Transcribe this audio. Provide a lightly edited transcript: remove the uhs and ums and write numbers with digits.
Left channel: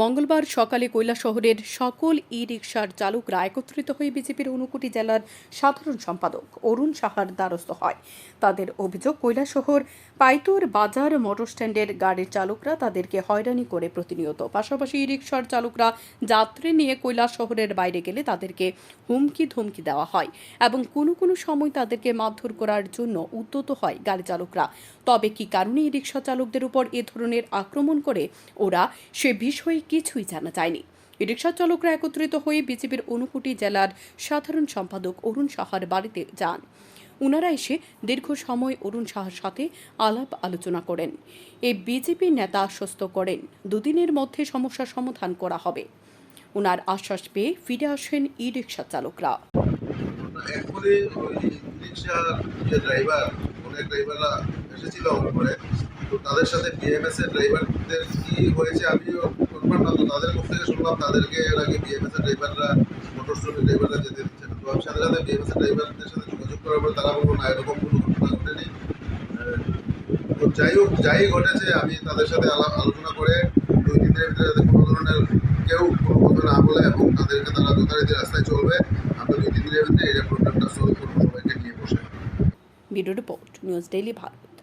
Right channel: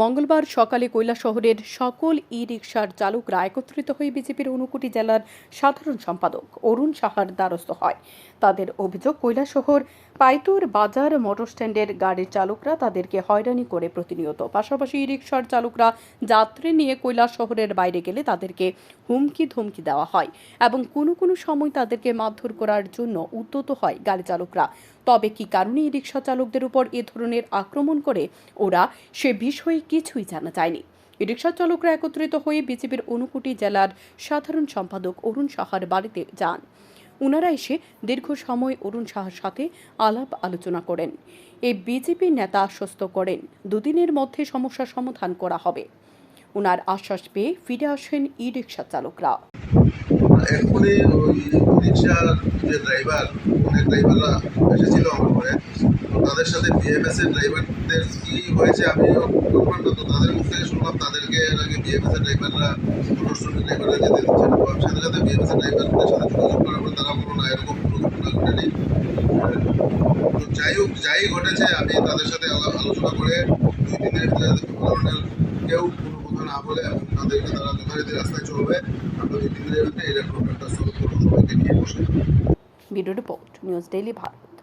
মঙ্গলবার সকালে কৈলাসহরের সকল ই-রিকশার চালকরা একত্রিত হয়ে বিজেপির ঊনকোটি জেলার সাধারণ সম্পাদক অরুণ সাহার দ্বারস্থ হয়। তাদের অভিযোগ, কৈলাসহর পাইতুর বাজার মোটরস্ট্যান্ডের গাড়ির চালকরা তাদেরকে হয়রানি করে প্রতিনিয়ত। পাশাপাশি ই-রিকশার চালকরা যাত্রী নিয়ে কৈলাসহরের বাইরে গেলে তাদেরকে হুমকি ধমকি দেওয়া হয় এবং কোনো কোনো সময় তাদেরকে মারধর করার জন্য উদ্যত হয় গাড়ি চালকরা। তবে কি কারণে ই-রিকশা চালকদের উপর এ ধরনের আক্রমণ করে ওরা, সে বিষয়ে কিছুই জানা যায়নি। রিকশা চালকরা একত্রিত হয়ে বিজেপির ঊনকোটি জেলার সাধারণ সম্পাদক অরুণ সাহার বাড়িতে যান। ওনারা এসে দীর্ঘ সময় অরুণ সাহার সাথে আলাপ আলোচনা করেন। এই বিজেপি নেতা আশ্বস্ত করেন দুদিনের মধ্যে সমস্যার সমাধান করা হবে। ওনার আশ্বাস পেয়ে ফিরে আসেন ই রিকশা চালকরা। এক্ষুনি ওই রিক্সার যে ড্রাইভার, অনেক ড্রাইভাররা এসেছিল আমার ঘরে, তো তাদের সাথে বিএমএস এর ড্রাইভারদের কি হয়েছে আমিও বললাম না, তো তাদের মুখ থেকে শুনলাম তাদেরকে এর আগে বিএমএস এর ড্রাইভাররা, মোটর শ্রমিক ড্রাইভাররা যেতে দিচ্ছে না। তো আমি সাথে সাথে বিএমএস এর ড্রাইভারদের সাথে যোগাযোগ করার পরে তারা বললো না, এরকম কোনো ঘটনা ঘটেনি। তো যাই হোক, যাই ঘটেছে আমি তাদের সাথে আলোচনা করে 2-3 দিনের ভিতরে যাতে কোনো ধরনের কেউ কোনো কথা না বলে এবং তাদেরকে তারা যথারীতি রাস্তায় চলবে, আমরা 2-3 দিনের ভিতরে এই প্রবলেমটা সলভ করবো, সবাইকে নিয়ে বসে। Bureau report, news daily Bharat.